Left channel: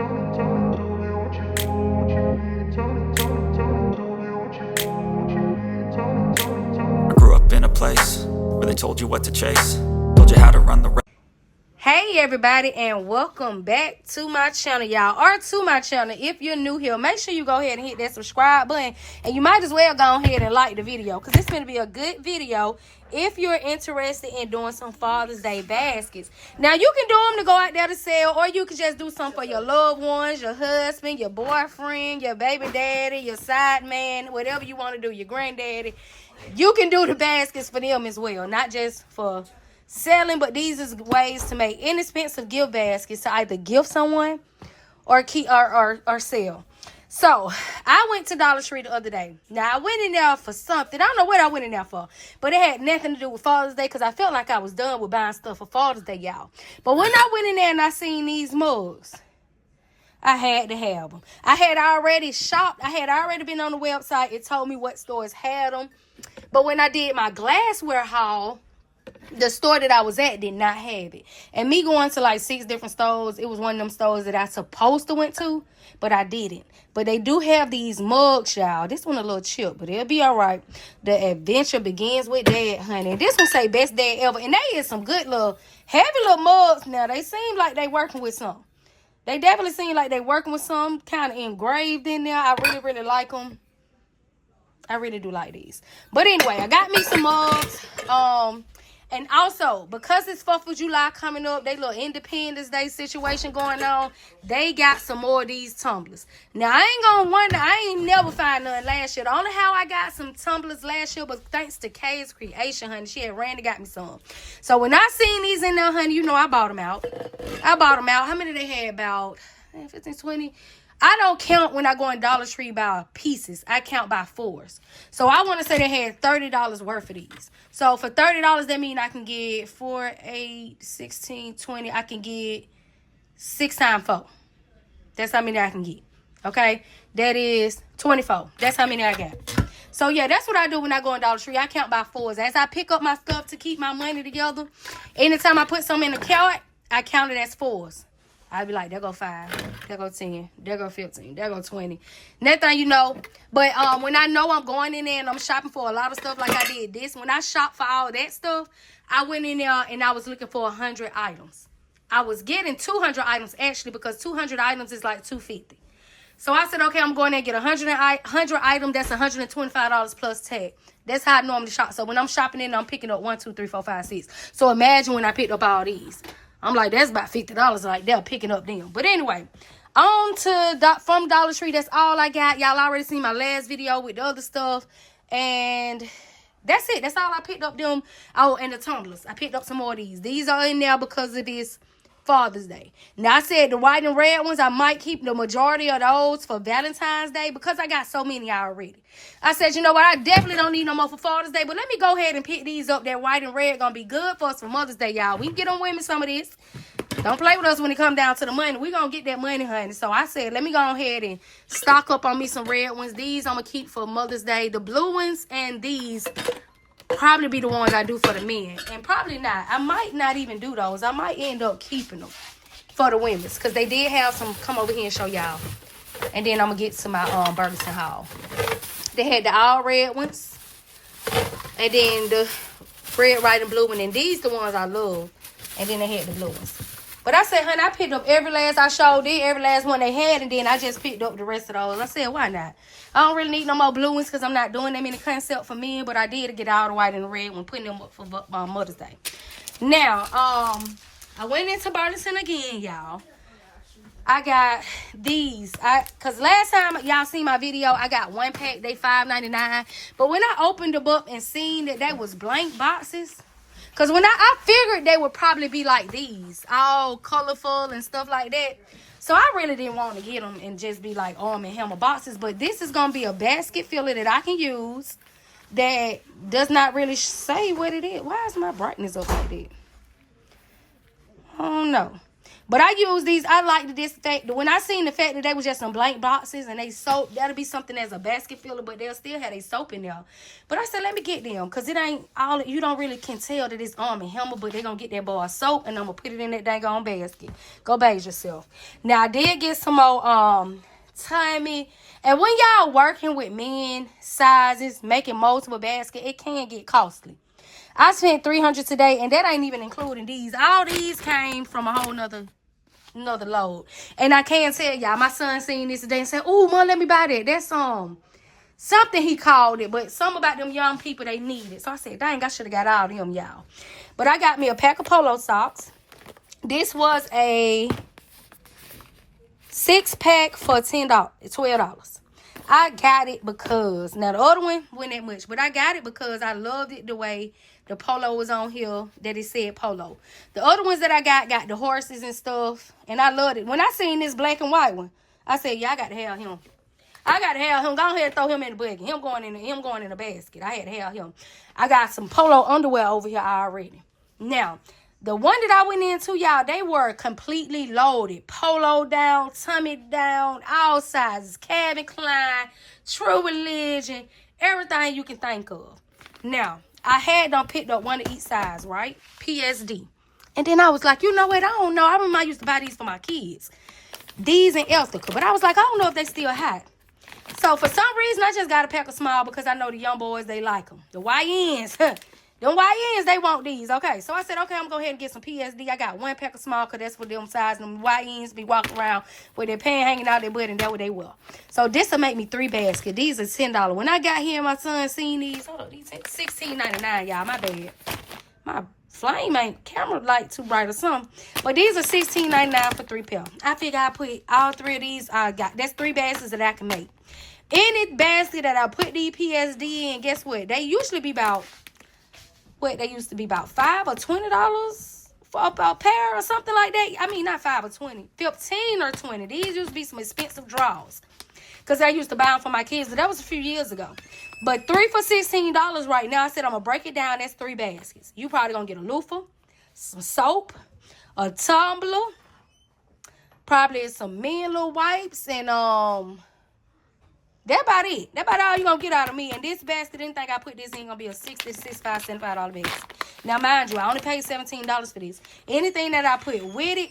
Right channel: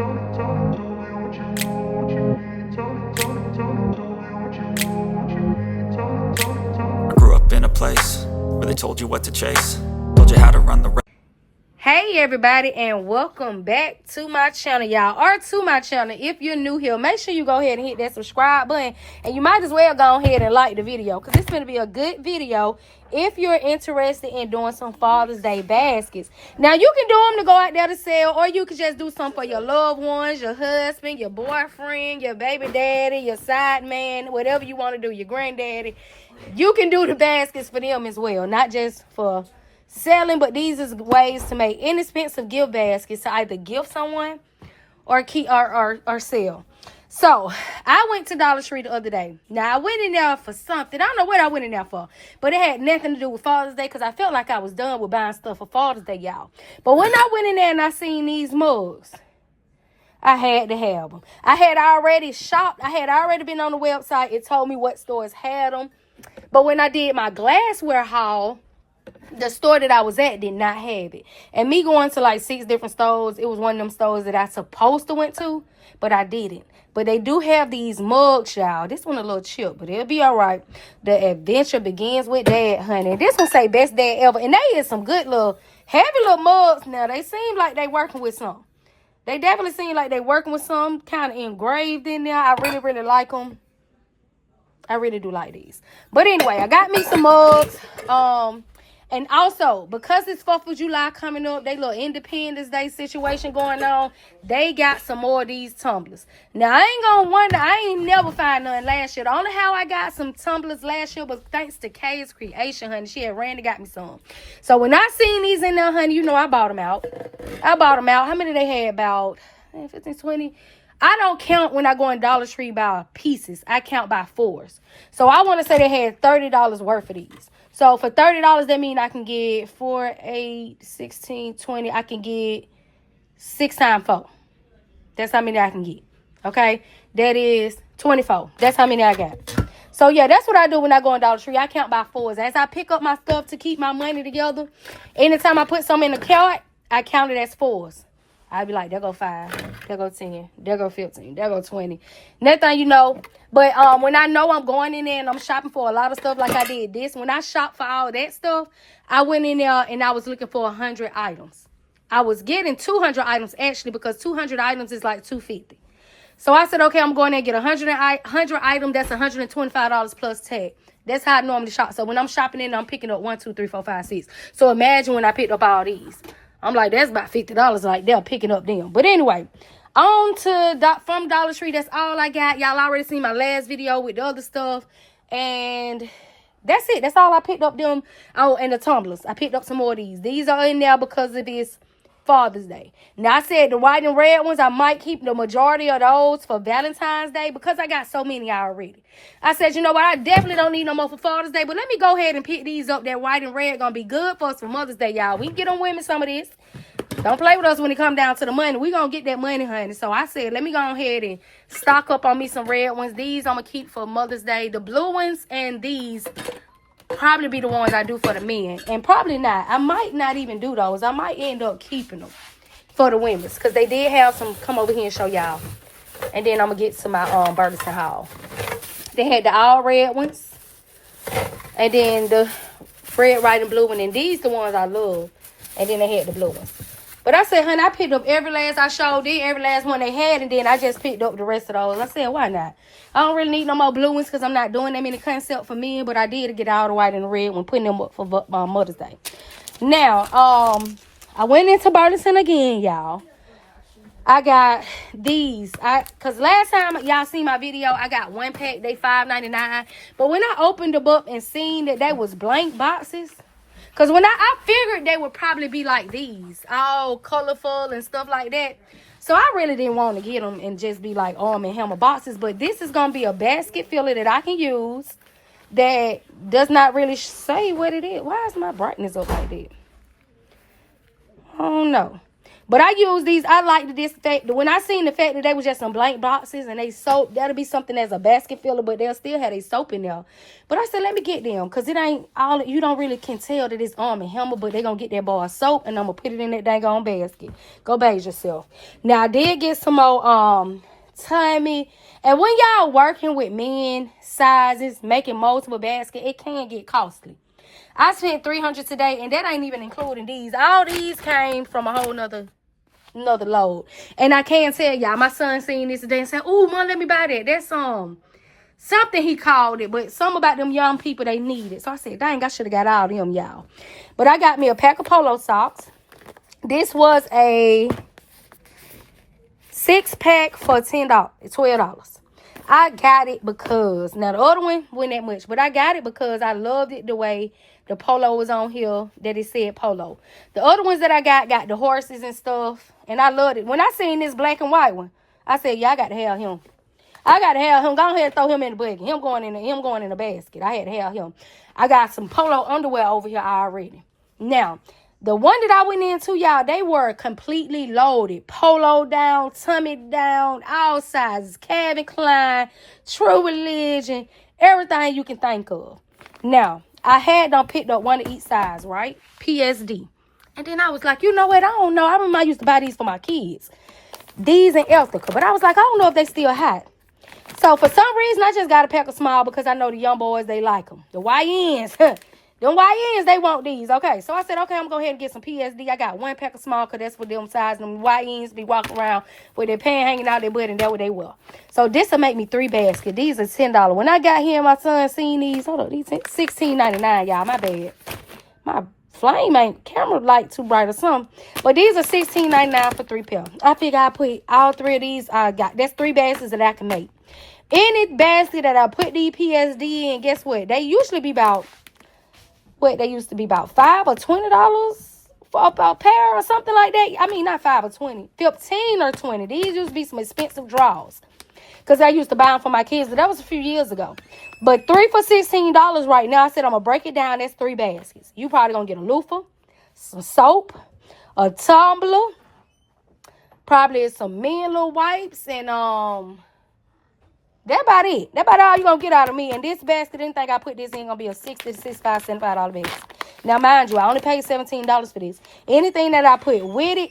I grew up in a place where they told you what to chase, told you how to run the race. Hey everybody, and welcome back to my channel, y'all, or to my channel. If you're new here, make sure you go ahead and hit that subscribe button, and you might as well go ahead and like the video, because it's going to be a good video if you're interested in doing some Father's Day baskets. Now, you can do them to go out there to sell, or you can just do some for your loved ones, your husband, your boyfriend, your baby daddy, your side man, whatever you want to do, your granddaddy. You can do the baskets for them as well, not just for selling, but these is ways to make inexpensive gift baskets to either gift someone or keep or sell. So I went to Dollar Tree the other day. Now I went in there for something. I don't know what I went in there for, but it had nothing to do with Father's Day, because I felt like I was done with buying stuff for Father's Day, y'all. But when I went in there and I seen these mugs, I had to have them. I had already shopped. I had already been on the website. It told me what stores had them. But when I did my glassware haul, the store that I was at did not have it. And me going to like 6 different stores, it was one of them stores that I supposed to went to, but I didn't. But they do have these mugs, y'all. This one a little chip, but it'll be all right. The adventure begins with Dad, honey. This one say best dad ever. And they is some good little, heavy little mugs now. They seem like they working with some. They definitely seem like they working with some kind of engraved in there. I really, really like them. I really do like these. But anyway, I got me some mugs. And also, because it's 4th of July coming up, they little Independence Day situation going on, they got some more of these tumblers. Now, I ain't gonna wonder, I ain't never find none last year. The only how I got some tumblers last year was thanks to Kay's creation, honey. She had Randy got me some. So when I seen these in there, honey, you know I bought them out. How many they had? About 15, 20. I don't count when I go in Dollar Tree by pieces. I count by fours. So I want to say they had $30 worth of these. So for $30, that means I can get 4, 8, 16, 20. I can get 6 times 4. That's how many I can get. Okay? That is 24. That's how many I got. So yeah, that's what I do when I go in Dollar Tree. I count by fours. As I pick up my stuff to keep my money together, anytime I put something in the cart, I count it as fours. I'd be like, there go 5, there go 10, there go 15, there go 20. Next thing you know, but when I know I'm going in there and I'm shopping for a lot of stuff like I did this, when I shopped for all that stuff, I went in there and I was looking for 100 items. I was getting 200 items actually, because 200 items is like $250. So I said, okay, I'm going there and get 100 items. That's $125 plus tag. That's how I normally shop. So when I'm shopping in, I'm picking up 1, 2, 3, 4, 5, 6. So imagine when I picked up all these. I'm like, that's about $50 like they're picking up them. But anyway, on to from Dollar Tree. That's all I got. Y'all already seen my last video with the other stuff. And that's it. That's all I picked up them. Oh, and the tumblers. I picked up some more of these. These are in there because it is Father's Day. Now, I said the white and red ones, I might keep the majority of those for Valentine's Day because I got so many already. I said, you know what? I definitely don't need no more for Father's Day, but let me go ahead and pick these up. That white and red going to be good for us for Mother's Day, y'all. We can get on women some of this. Don't play with us when it come down to the money. We going to get that money, honey. So I said, let me go ahead and stock up on me some red ones. These I'm going to keep for Mother's Day. The blue ones and these probably be the ones I do for the men. And probably not. I might not even do those. I might end up keeping them for the women's, because they did have some. Come over here and show y'all. And then I'm going to get to my Burlington haul. They had the all red ones. And then the red, white, and blue one. And these the ones I love. And then they had the blue ones. But I said, honey, I picked up every last I showed them, every last one they had, and then I just picked up the rest of those. I said, why not? I don't really need no more blue ones because I'm not doing them in the concept for men, but I did get all the white and the red when putting them up for Mother's Day. Now, I went into Burlington again, y'all. I got these. Because last time y'all seen my video, I got 1 pack. They $5.99. But when I opened them up and seen that they was blank boxes, because when I figured they would probably be like these, all colorful and stuff like that. So I really didn't want to get them and just be like Arm & Hammer boxes. But this is going to be a basket filler that I can use that does not really say what it is. Why is my brightness up like that? I don't know. But I use these. I like to disinfect. When I seen the fact that they was just some blank boxes and they soap, that'll be something as a basket filler, but they'll still have a soap in there. But I said, let me get them, because it ain't all, you don't really can tell that it's Arm & Hammer, but they going to get that bar of soap, and I'm going to put it in that dang on basket. Go bathe yourself. Now, I did get some more Tommy. And when y'all working with men sizes, making multiple baskets, it can get costly. I spent $300 today, and that ain't even including these. All these came from a whole nother load. And I can't tell y'all, my son seen this today and said, "Ooh, Mom, let me buy that. That's something he called it, but some about them young people, they need it." So I said, dang, I should have got all of them, y'all. But I got me a pack of polo socks. This was a 6-pack for $12. I got it because, now the other one wasn't that much, but I got it because I loved it the way the polo was on here, that it said polo. The other ones that I got the horses and stuff, and I loved it. When I seen this black and white one, I said, yeah, I got to have him. I got to have him. Go ahead and throw him in the buggy. Him going in the basket. I had to have him. I got some polo underwear over here already. Now, the one that I went into, y'all, they were completely loaded. Polo down, tummy down, all sizes. Calvin Klein, True Religion, everything you can think of. Now, I had them picked up one of each size, right? PSD. And then I was like, you know what? I don't know. I remember I used to buy these for my kids. These and Eltica. But I was like, I don't know if they still hot. So, for some reason, I just got a pack of small because I know the young boys, they like them. The YNs, them YNs, they want these. Okay, so I said, okay, I'm going to go ahead and get some PSD. I got one pack of small because that's what them size. Them YNs be walking around with their pants hanging out their butt, and that's what they will. So, this will make me 3 baskets. These are $10. When I got here, my son seen these. Hold on, these $16.99, y'all. My bad. My flame ain't camera light too bright or something. But these are $16.99 for 3 pair. I figure I put all 3 of these. That's 3 baskets that I can make. Any basket that I put the PSD in, guess what? They usually be about, they used to be about $5 or $20 for a pair or something like that. I mean, not 5 or 20, 15 or 20. These used to be some expensive draws because I used to buy them for my kids, but that was a few years ago. But 3 for $16 right now. I said I'm going to break it down. That's 3 baskets. You probably going to get a loofah, some soap, a tumbler, probably some men little wipes, and that about it. That about all you're going to get out of me. And this basket, didn't think I put this in, going to be a $60, $65, $75 basket. Now, mind you, I only paid $17 for this. Anything that I put with it,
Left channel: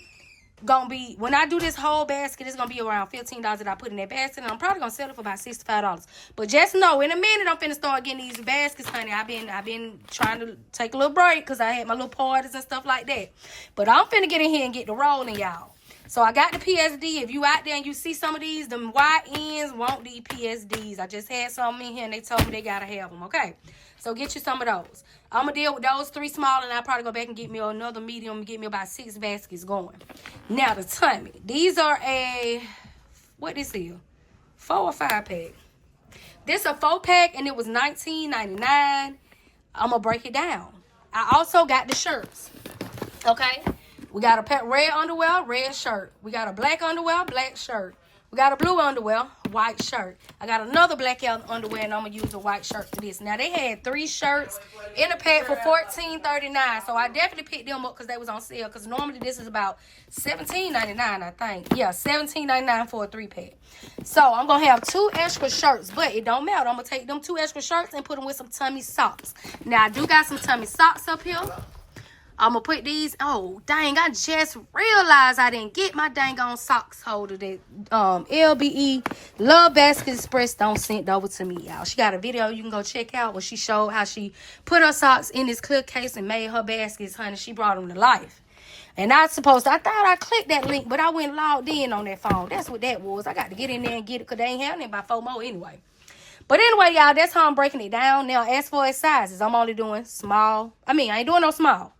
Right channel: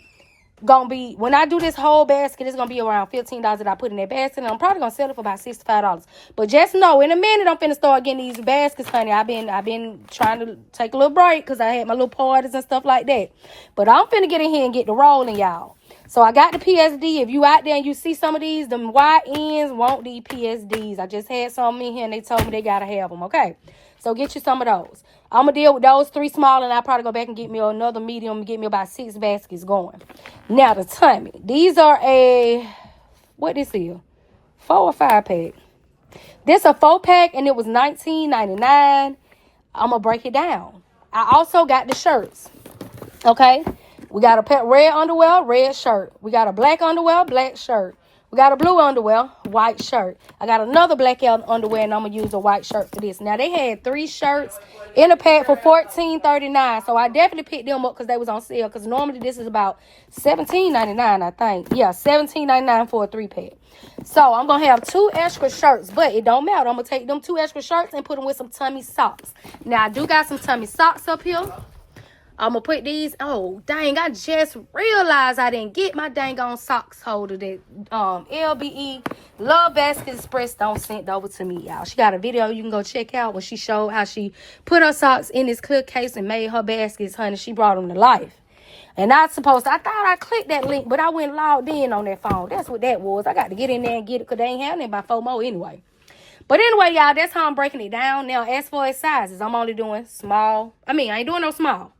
going to be, when I do this whole basket, it's going to be around $15 that I put in that basket. And I'm probably going to sell it for about $65. But just know, in a minute, I'm finna start getting these baskets, honey. I've been trying to take a little break because I had my little parties and stuff like that. But I'm finna get in here and get the rolling, y'all. So I got the PSD. If you out there and you see some of these, them YNs want these PSDs. I just had some in here and they told me they got to have them, okay? So get you some of those. I'm going to deal with those 3 small, and I'll probably go back and get me another medium and get me about 6 baskets going. Now, the tummy. These are what this is? 4 or 5 pack. This a 4 pack, and it was $19.99. I'm going to break it down. I also got the shirts, okay? We got a pair red underwear, red shirt. We got a black underwear, black shirt. We got a blue underwear, white shirt. I got another black underwear, and I'm going to use a white shirt for this. Now, they had 3 shirts in a pack for $14.39. So, I definitely picked them up because they was on sale. Because normally, this is about $17.99, I think. Yeah, $17.99 for a 3-pack. So, I'm going to have 2 extra shirts. But it don't matter. I'm going to take them 2 extra shirts and put them with some tummy socks. Now, I do got some tummy socks up here. I'm going to put these. Oh, dang. I just realized I didn't get my dang on socks holder that LBE Love Basket Express don't sent over to me, y'all. She got a video you can go check out where she showed how she put her socks in this clear case and made her baskets, honey. She brought them to life. And I thought I clicked that link, but I went logged in on that phone. That's what that was. I got to get in there and get it because they ain't having it by FOMO anyway. But anyway, y'all, that's how I'm breaking it down. Now, as far as sizes, I'm only doing small. I ain't doing no small.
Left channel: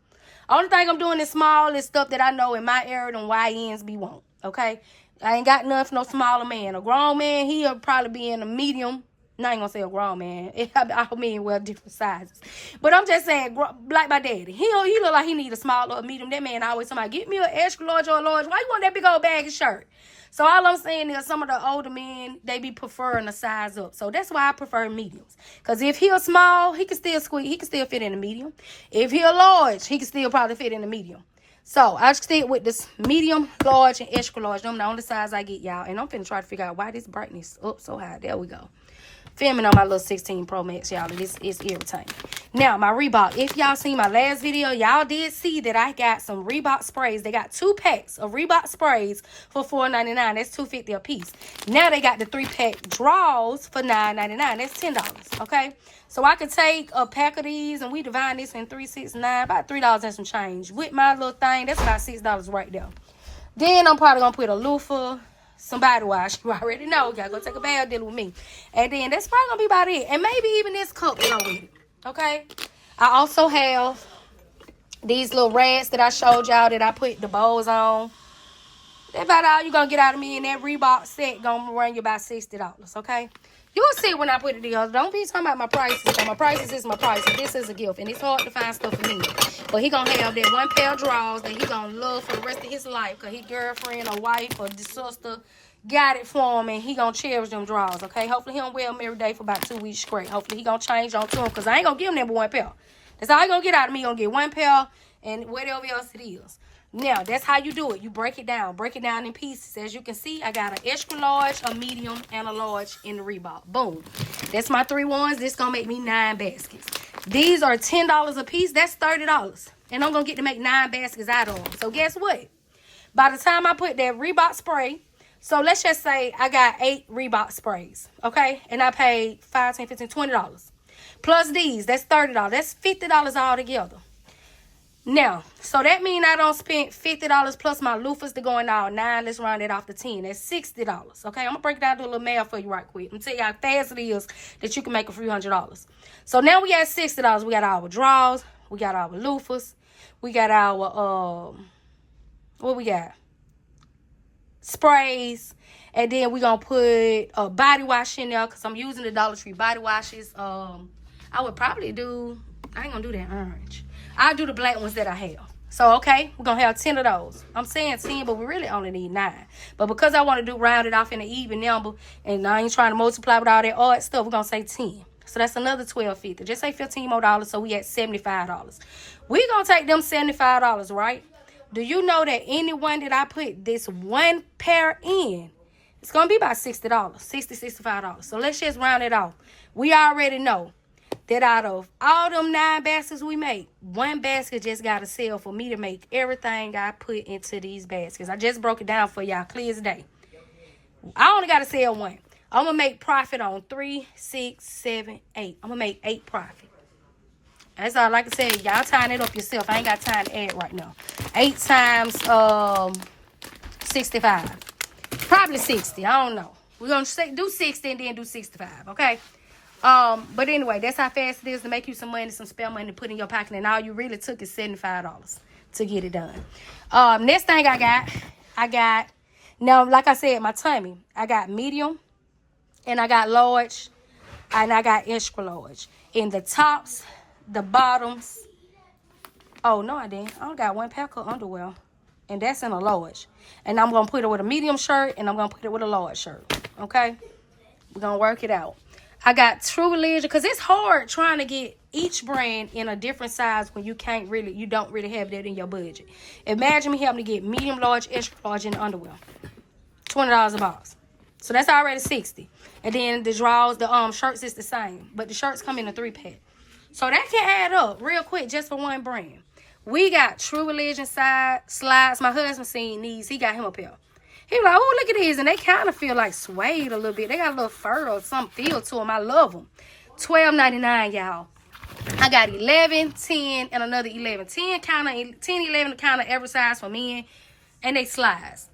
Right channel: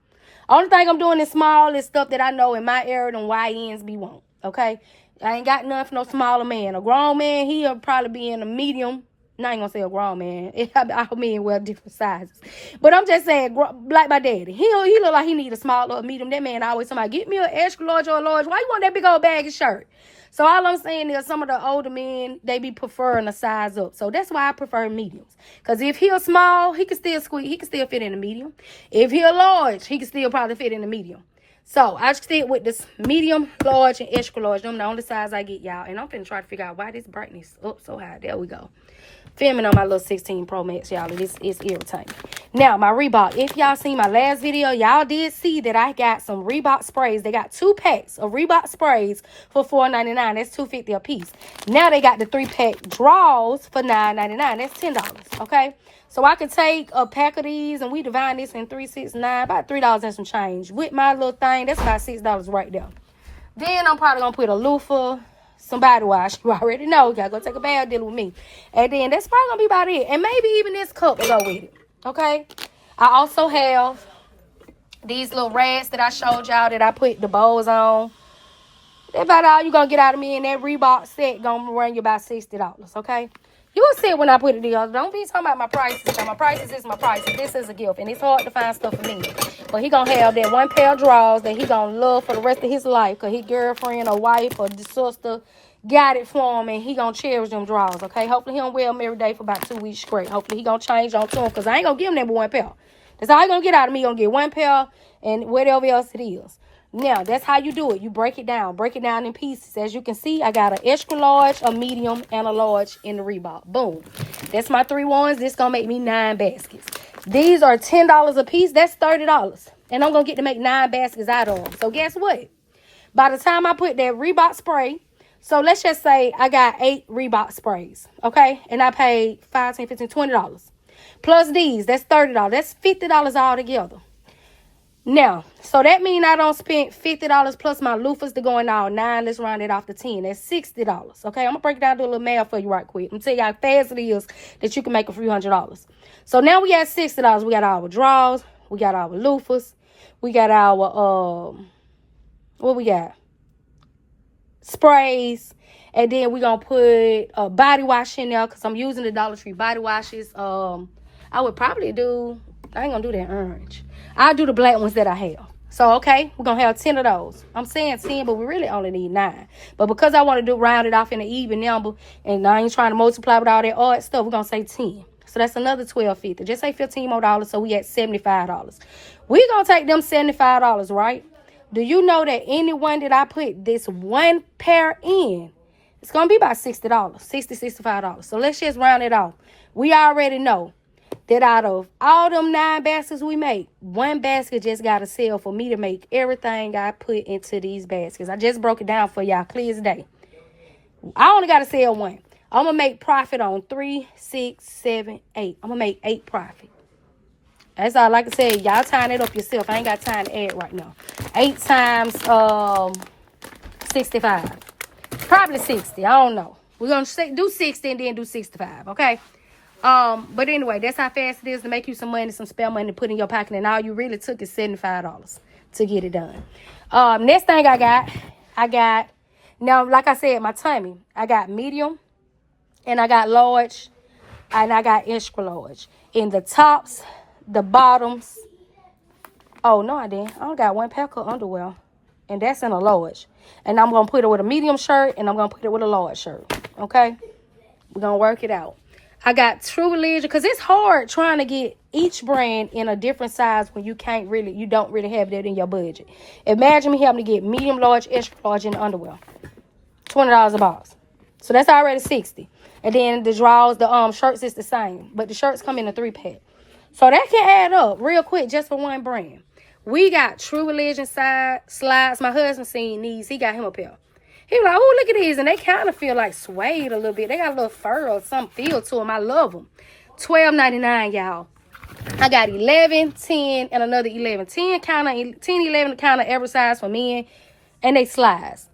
Only thing I'm doing is small is stuff that I know in my area them YNs be want, okay? I ain't got nothing for no smaller man. A grown man, he'll probably be in a medium. I ain't gonna say a grown man. I mean, well, different sizes. But I'm just saying, like my daddy. He look like he need a small or a medium. That man always somebody, get me an extra large or a large. Why you want that big old baggy shirt? So all I'm saying is some of the older men, they be preferring a size up. So that's why I prefer mediums. Because if he's small, he can still squeeze. He can still fit in a medium. If he's large, he can still probably fit in a medium. So I stick with this medium, large, and extra large. Them the only size I get, y'all. And I'm finna try to figure out why this brightness up so high. There we go. Filming on my little 16 Pro Max, y'all. This is irritating. Now, my Reebok. If y'all seen my last video, y'all did see that I got some Reebok sprays. They got 2 packs of Reebok sprays for $4.99. That's $2.50 a piece. Now they got the 3-pack draws for $9.99. That's $10. Okay. So I could take a pack of these and we divide this in 3, 6, 9, about $3 and some change. With my little thing, that's about $6 right there. Then I'm probably gonna put a loofah, some body wash. You already know. You gotta go take a bath dealing with me. And then that's probably gonna be about it. And maybe even this cup will go with it. Okay? I also have these little rags that I showed y'all that I put the bows on. That's about all you gonna get out of me. And that Reebok set gonna run you about $60. Okay? You will see it when I put it together. Don't be talking about my prices. So my prices is my prices. This is a gift. And it's hard to find stuff for me. But he gonna have that 1 pair of drawers that he gonna love for the rest of his life. Because his girlfriend or wife or sister got it for him. And he gonna cherish them drawers. Okay? Hopefully he don't wear them every day for about 2 weeks straight. Hopefully he gonna change on to them. Because I ain't gonna give him that 1 pair. That's all he gonna get out of me. He gonna get 1 pair and whatever else it is. Now, that's how you do it. You break it down. Break it down in pieces. As you can see, I got an extra large, a medium, and a large in the Reebok. Boom. That's my 3 ones. This going to make me 9 baskets. These are $10 a piece. That's $30. And I'm going to get to make 9 baskets out of them. So, guess what? By the time I put that Reebok spray, so let's just say I got 8 Reebok sprays, okay? And I paid $5, $10, $15, $20. Plus these, that's $30. That's $50 all together. Now, so that means I don't spend $50 plus my loofahs to go in all 9. Let's round it off to 10. That's $60. Okay, I'm going to break it down, do a little math for you right quick. I'm going to tell you how fast it is that you can make a few $100. So now we got $60. We got our drawers. We got our loofahs. We got our, what we got? Sprays. And then we're going to put a body wash in there because I'm using the Dollar Tree body washes. I would probably do, I ain't going to do that orange. I'll do the black ones that I have. So, okay, we're going to have 10 of those. I'm saying 10, but we really only need 9. But because I want to round it off in an even number, and I ain't trying to multiply with all that odd stuff, we're going to say 10. So that's another $12.50. Just say $15 more, so we at $75. We're going to take them $75, right? Do you know that anyone that I put this 1 pair in, it's going to be about $60, $60, $65. So let's just round it off. We already know that out of all them 9 baskets we make, 1 basket just got to sell for me to make everything I put into these baskets. I just broke it down for y'all clear as day. I only got to sell 1. I'm going to make profit on 3, 6, 7, 8. I'm going to make 8 profit. That's all I can say. Y'all tying it up yourself. I ain't got time to add right now. 8 times 65. Probably 60. I don't know. We're going to do 60 and then do 65, okay? But anyway, that's how fast it is to make you some money, some spare money to put in your pocket. And all you really took is $75 to get it done. Next thing I got, now, like I said, my tummy. I got medium, and I got large, and I got extra large. In the tops, the bottoms. Oh, no, I didn't. I only got 1 pair of underwear, and that's in a large. And I'm going to put it with a medium shirt, and I'm going to put it with a large shirt. Okay? We're going to work it out. I got True Religion, because it's hard trying to get each brand in a different size when you don't really have that in your budget. Imagine me having to get medium, large, extra large in underwear. $20 a box. So that's already $60. And then the drawers, the shirts is the same. But the shirts come in a 3-pack. So that can add up real quick just for 1 brand. We got True Religion slides. My husband seen these. He got him a pair. He was like, oh, look at these. And they kind of feel like suede a little bit. They got a little fur or some feel to them. I love them. $12.99, y'all. I got 11, 10, and another 11. 10, 11 kind of every size for men. And they slides.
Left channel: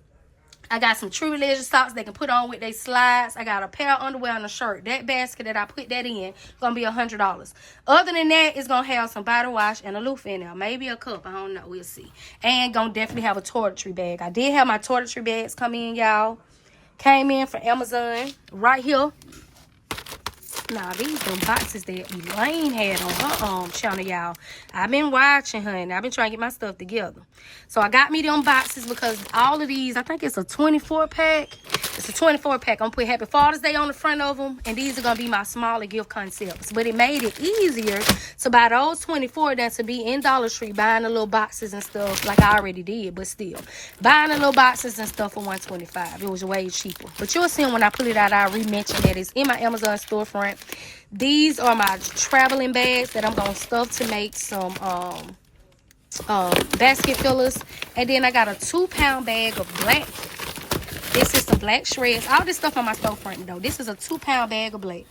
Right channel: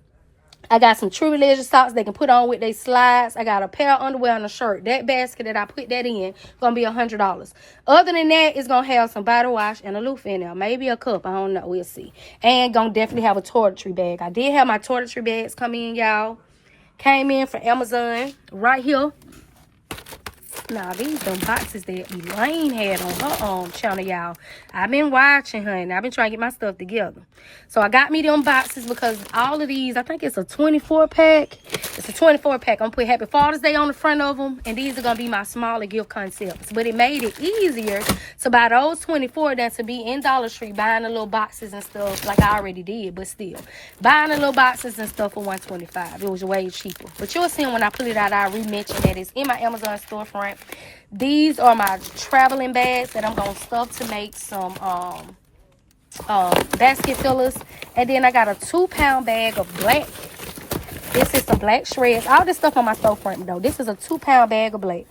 I got some True Religion socks they can put on with their slides. I got a pair of underwear and a shirt. That basket that I put that in going to be $100. Other than that, it's going to have some body wash and a loofah in there. Maybe a cup. I don't know. We'll see. And going to definitely have a toiletry bag. I did have my toiletry bags come in, y'all. Came in from Amazon right here. Nah, these them boxes that Elaine had on her channel, y'all. I've been watching her, and I've been trying to get my stuff together. So I got me them boxes because all of these, I think it's a 24-pack. It's a 24-pack. I'm going to put Happy Father's Day on the front of them, and these are going to be my smaller gift concepts. But it made it easier to buy those 24 than to be in Dollar Tree buying the little boxes and stuff like I already did, but still. Buying the little boxes and stuff for $125. It was way cheaper. But you'll see when I put it out, I re-mention that it's in my Amazon storefront. These are my traveling bags that I'm going to stuff to make some basket fillers. And then I got a 2-pound bag of black. This is some black shreds. All this stuff on my storefront though. This is a 2-pound bag of black.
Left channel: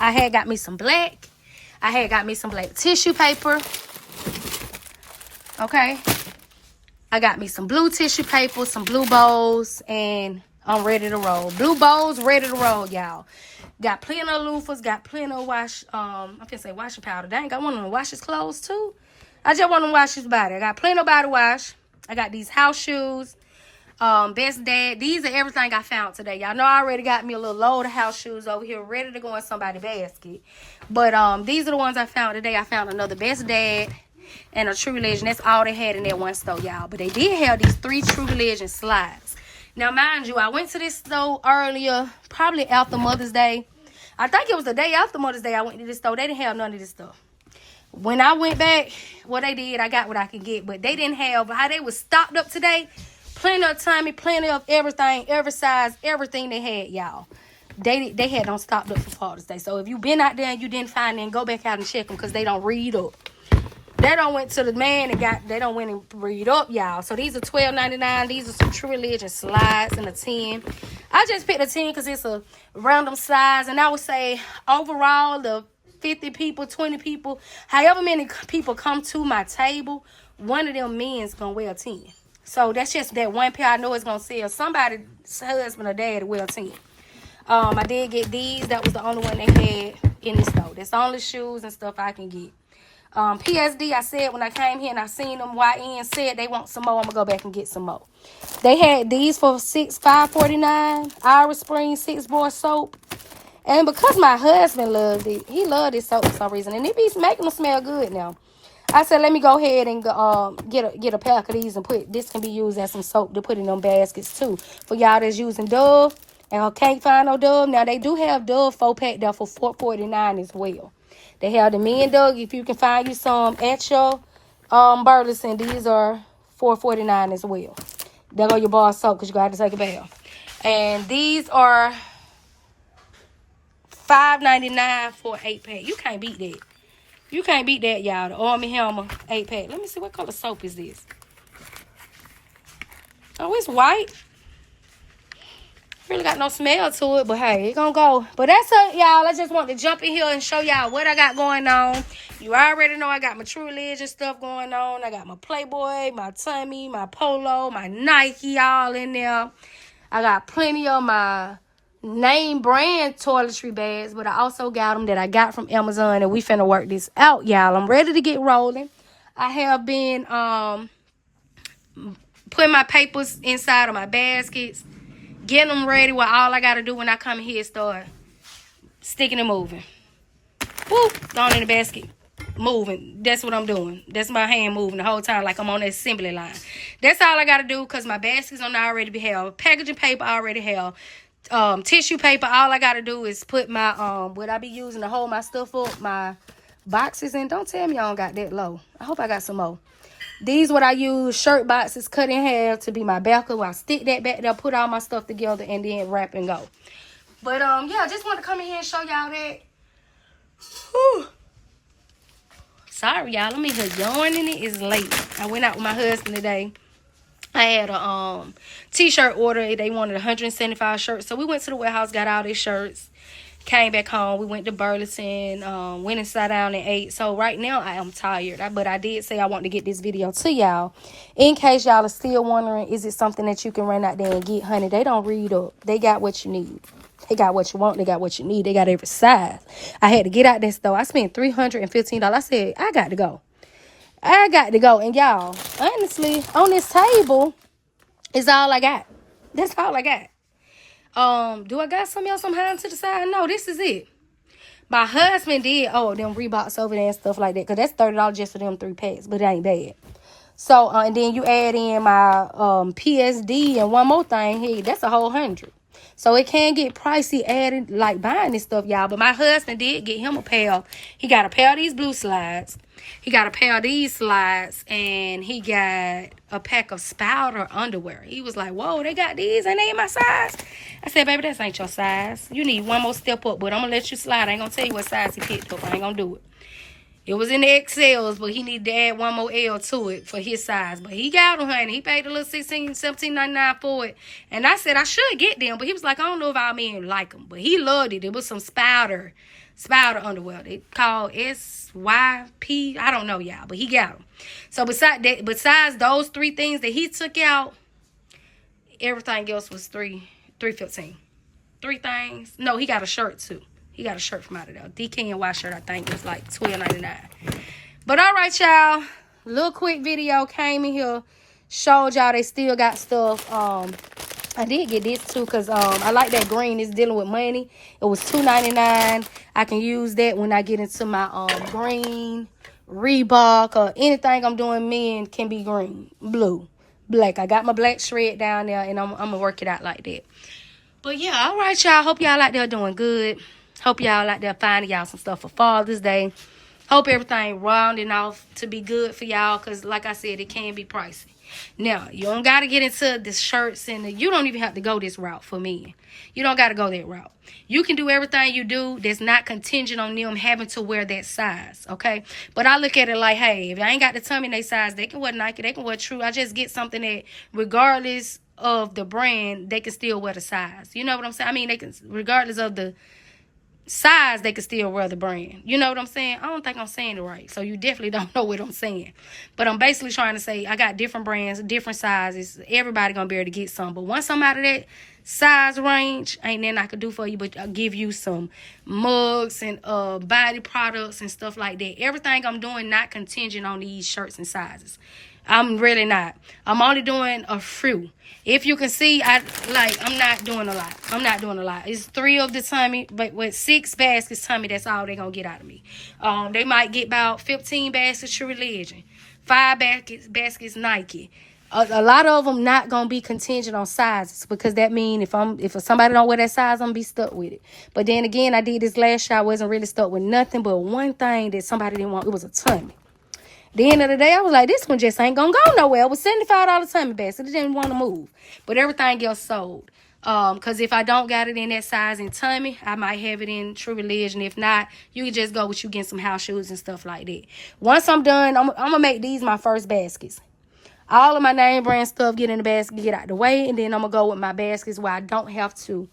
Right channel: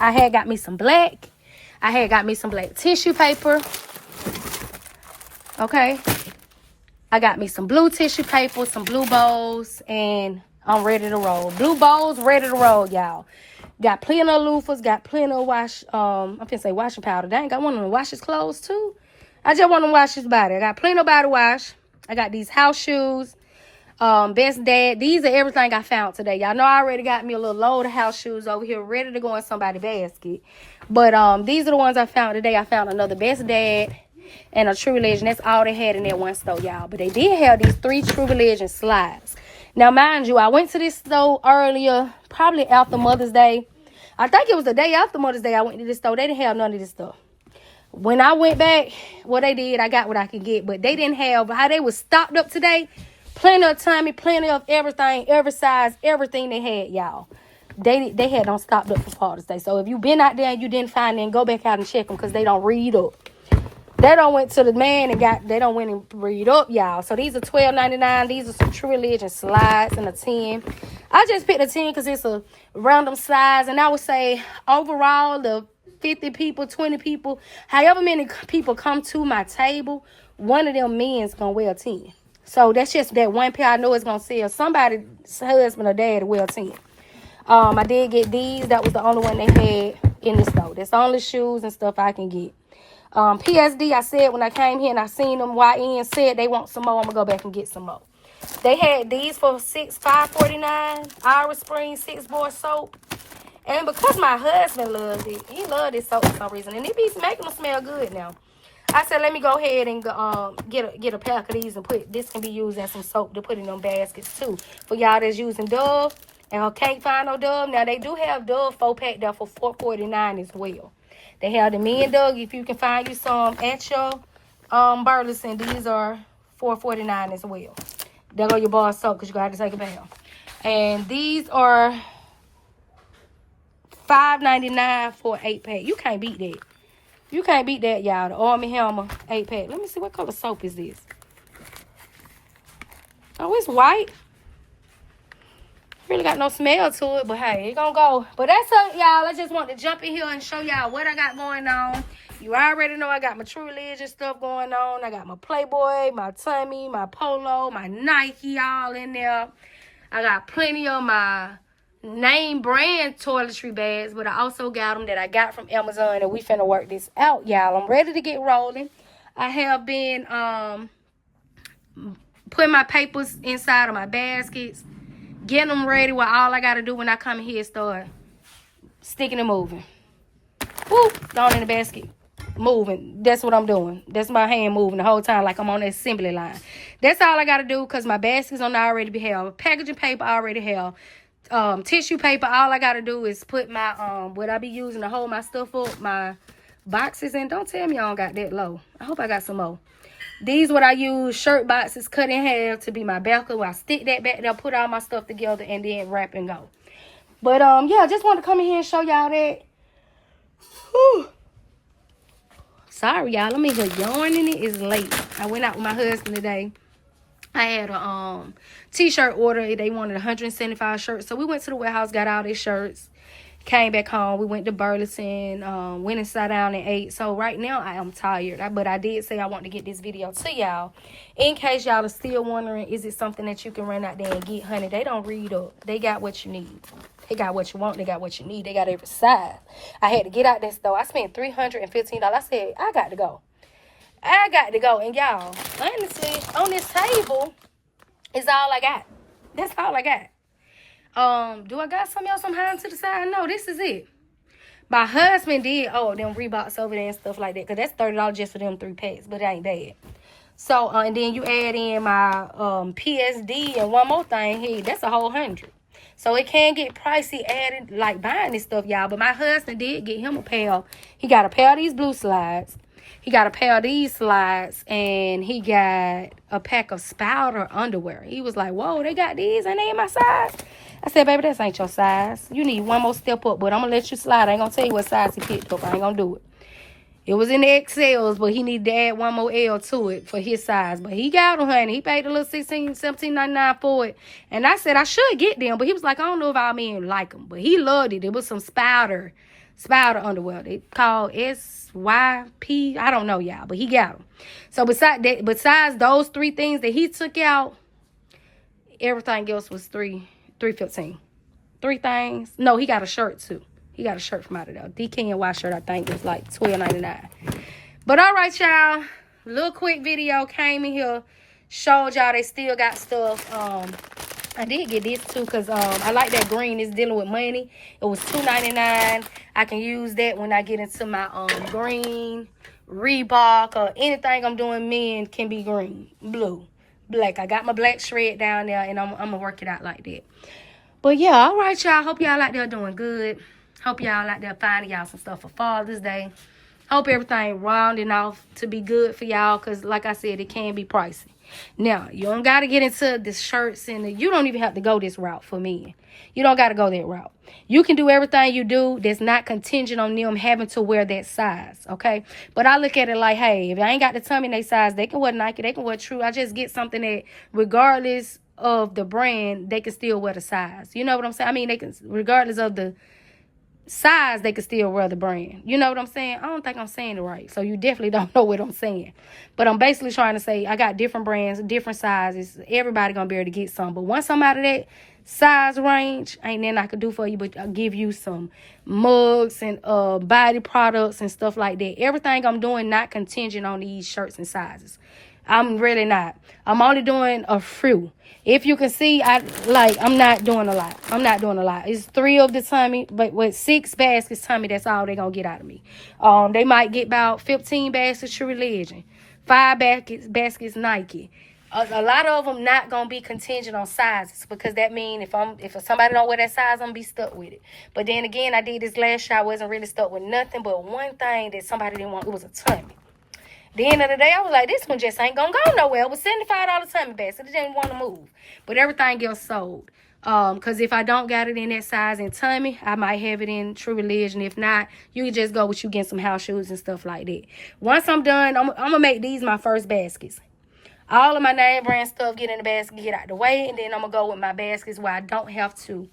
I had got me some black. I had got me some black tissue paper. Okay. I got me some blue tissue paper, some blue bowls, and I'm ready to roll. Blue bowls, ready to roll, y'all. Got plenty of loofahs, got plenty of I'm finna say washing powder. Dang, I want them to wash his clothes too. I just want them to wash his body. I got plenty of body wash. I got these house shoes. Best Dad. These are everything I found today. Y'all know I already got me a little load of house shoes over here ready to go in somebody's basket. But these are the ones I found today. I found another Best Dad and a True Religion. That's all they had in that one store, y'all. But they did have these 3 True Religion slides. Now, mind you, I went to this store earlier, probably after Mother's Day. I think it was the day after Mother's Day I went to this store. They didn't have none of this stuff. When I went back, what they did, I got what I could get. But they didn't have, how they was stocked up today, plenty of Tommy, plenty of everything, every size, everything they had, y'all. They had them stocked up for Father's Day. So if you been out there and you didn't find them, go back out and check them because they don't read up. They don't went to the man and they don't went and read up, y'all. So these are $12.99. These are some True Religion slides in a 10. I just picked a 10 because it's a random size. And I would say overall, the 50 people, 20 people, however many people come to my table, one of them men's going to wear a 10. So that's just that one pair I know is going to sell. Somebody's husband or dad will wear a 10. I did get these. That was the only one they had in the store. That's the only shoes and stuff I can get. PSD, I said when I came here and I seen them, YN said they want some more. I'm going to go back and get some more. They had these for $5.49. Irish Spring 6-bar soap. And because my husband loves it, he loved this soap for some reason. And it be making them smell good now. I said, let me go ahead and get a pack of these and this can be used as some soap to put in them baskets too. For y'all that's using Dove and can't find no Dove. Now, they do have Dove 4-pack there for $4.49 as well. They have the men Doug. If you can find you some at your Burlington, these are $4.49 as well. There go your bar soap because you got to take a bath. And these are $5.99 for an 8-pack. You can't beat that. You can't beat that, y'all. The Army Hammer 8-pack. Let me see what color soap is this. Oh, it's white. Really got no smell to it, but hey, it gonna go. But that's it, y'all. I just want to jump in here and show y'all what I got going on. You already know I got my True Religion stuff going on. I got my Playboy, my Tommy, my Polo, my Nike all in there. I got plenty of my name brand toiletry bags, but I also got them that I got from Amazon, and we finna work this out, y'all. I'm ready to get rolling. I have been putting my papers inside of my baskets, getting them ready. Well, all I gotta do when I come here is start sticking and moving. Woo, going in the basket, moving. That's what I'm doing. That's my hand moving the whole time like I'm on the assembly line. That's all I gotta do because my baskets on already be held. Packaging paper already held. Tissue paper, all I gotta do is put my what I be using to hold my stuff up, my boxes in. Don't tell me I don't got that low. I hope I got some more. These what I use, shirt boxes cut in half to be my backer. Where I stick that back there, put all my stuff together, and then wrap and go. But yeah, I just want to come in here and show y'all that. Whew. Sorry, y'all. I'm in here yawning. It is late. I went out with my husband today. I had a t-shirt order. They wanted 175 shirts. So we went to the warehouse, got all these shirts, came back home. We went to Burlington, went and sat down and ate. So right now I am tired. But I did say I want to get this video to y'all. In case y'all are still wondering, is it something that you can run out there and get, honey? They don't read up. They got what you need. They got what you want. They got what you need. They got every size. I had to get out this store. I spent $315. I said, I got to go. I got to go. And y'all, honestly, on this table is all I got. That's all I got. Do I got some else I'm hiding to the side? No, this is it. My husband did, them Reeboks over there and stuff like that. Because that's $30 just for them 3 packs. But it ain't bad. So, and then you add in my PSD and one more thing here. That's a whole 100. So it can get pricey added, like buying this stuff, y'all. But my husband did get him a pair. He got a pair of these blue slides. He got a pair of these slides. And he got a pack of Spouter underwear. He was like, whoa, they got these and they in my size. I said, baby, that ain't your size. You need one more step up. But I'm going to let you slide. I ain't going to tell you what size he picked up. I ain't going to do it. It was in the XLs, but he needed to add one more L to it for his size. But he got them, honey. He paid a little $17.99 for it. And I said I should get them. But he was like, I don't know if our men like them. But he loved it. It was some Spouter underwear. They called SYP. I don't know, y'all. But he got them. So besides those 3 things that he took out, everything else was $3.15. 3 things. No, he got a shirt, too. He got a shirt from out of there. DKNY shirt, I think, was like $12.99. But all right, y'all. Little quick video came in here. Showed y'all they still got stuff. I did get this, too, because I like that green. It's dealing with money. It was $2.99. I can use that when I get into my green, Reebok, or anything I'm doing. Men can be green, blue, black. I got my black shred down there, and I'm going to work it out like that. But, yeah, all right, y'all. Hope y'all out there doing good. Hope y'all out there finding y'all some stuff for Father's Day. Hope everything rounding off to be good for y'all. Because, like I said, it can be pricey. Now, you don't got to get into the shirts. And you don't even have to go this route for men. You don't got to go that route. You can do everything you do that's not contingent on them having to wear that size. Okay? But I look at it like, hey, if I ain't got the tummy in their size, they can wear Nike. They can wear True. I just get something that regardless of the brand, they can still wear the size. You know what I'm saying? I mean, they can, regardless of the size, they could still wear the brand. You know what I'm saying? I don't think I'm saying it right. So you definitely don't know what I'm saying. But I'm basically trying to say I got different brands, different sizes. Everybody gonna be able to get some. But once I'm out of that size range, ain't nothing I could do for you but I'll give you some mugs and body products and stuff like that. Everything I'm doing not contingent on these shirts and sizes. I'm really not. I'm only doing a few. If you can see, I'm not doing a lot. It's 3 of the tummy, but with 6 baskets tummy, that's all they're going to get out of me. They might get about 15 baskets True Religion, 5 baskets Nike. A lot of them not going to be contingent on sizes because that means if somebody don't wear that size, I'm going to be stuck with it. But then again, I did this last year. I wasn't really stuck with nothing but one thing that somebody didn't want. It was a tummy. The end of the day, I was like, this one just ain't gonna go nowhere. It was $75 tummy basket. It didn't want to move. But everything else sold. Because if I don't got it in that size in tummy, I might have it in True Religion. If not, you can just go with you getting some house shoes and stuff like that. Once I'm done, I'm gonna make these my first baskets. All of my name brand stuff get in the basket, get out the way, and then I'm gonna go with my baskets where I don't have to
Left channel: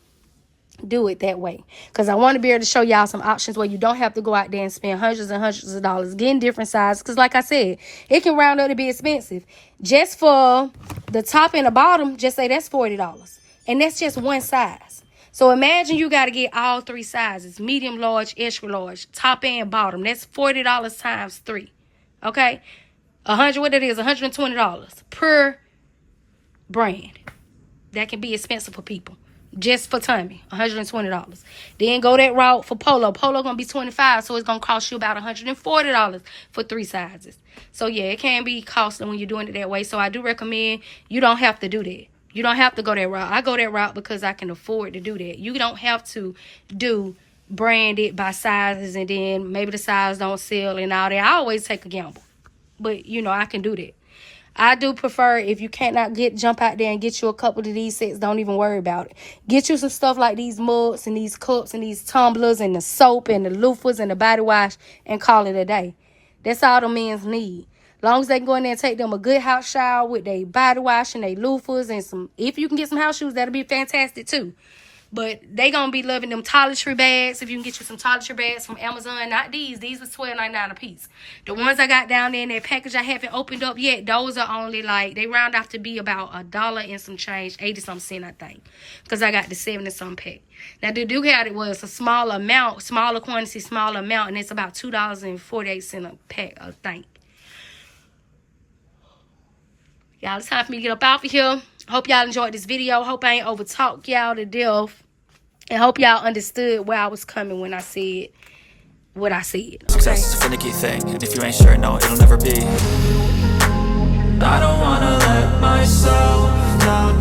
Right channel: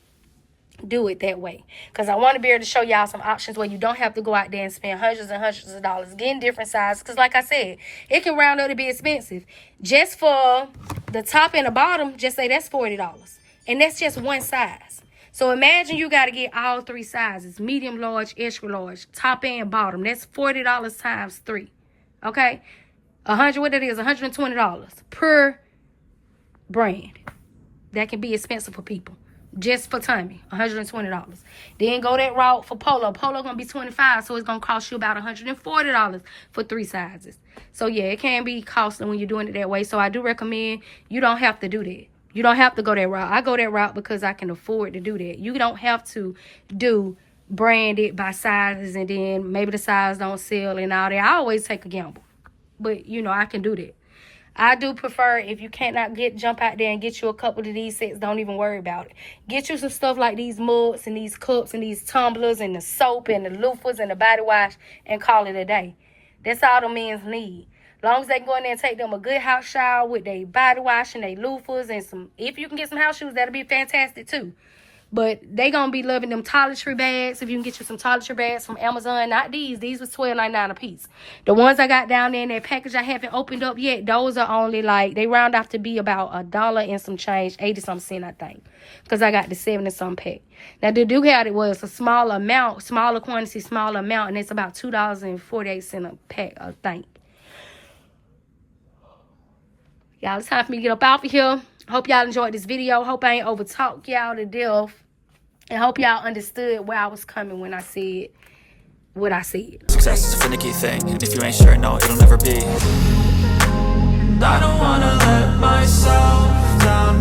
do it that way, because I want to be able to show y'all some options where you don't have to go out there and spend hundreds and hundreds of dollars getting different sizes, because like I said, it can round up to be expensive. Just for the top and the bottom, just say that's $40, and that's just one size. So imagine you got to get all 3 sizes: medium, large, extra large, top and bottom. That's $40 times 3. Okay, $120 per brand. That can be expensive for people. Just for tummy, $120. Then go that route for Polo. Polo gonna be $25, so it's gonna cost you about $140 for 3 sizes. So yeah, it can be costly when you're doing it that way. So I do recommend you don't have to do that. You don't have to go that route. I go that route because I can afford to do that. You don't have to do branded by sizes and then maybe the size don't sell and all that. I always take a gamble, but you know I can do that. I do prefer, if you cannot jump out there and get you a couple of these sets, don't even worry about it. Get you some stuff like these mugs and these cups and these tumblers and the soap and the loofahs and the body wash and call it a day. That's all the men's need. As long as they can go in there and take them a good house shower with their body wash and their loofahs and some, if you can get some house shoes, that'll be fantastic too. But they gonna be loving them toiletry bags. If you can get you some toiletry bags from Amazon, not these. These was $12.99 a piece. The ones I got down there in that package I haven't opened up yet, those are only like, they round off to be about $1 and some change, 80-something cents, I think. Because I got the 70-something pack. Now, the do have it was a small amount, smaller quantity, smaller amount, and it's about $2.48 a pack, I think. Y'all, it's time for me to get up out of here. Hope y'all enjoyed this video. Hope I ain't overtalk y'all to death. And hope y'all understood where I was coming when I said what I said. Success is a finicky thing, and if you ain't sure, no, it'll never be. I don't wanna let myself down.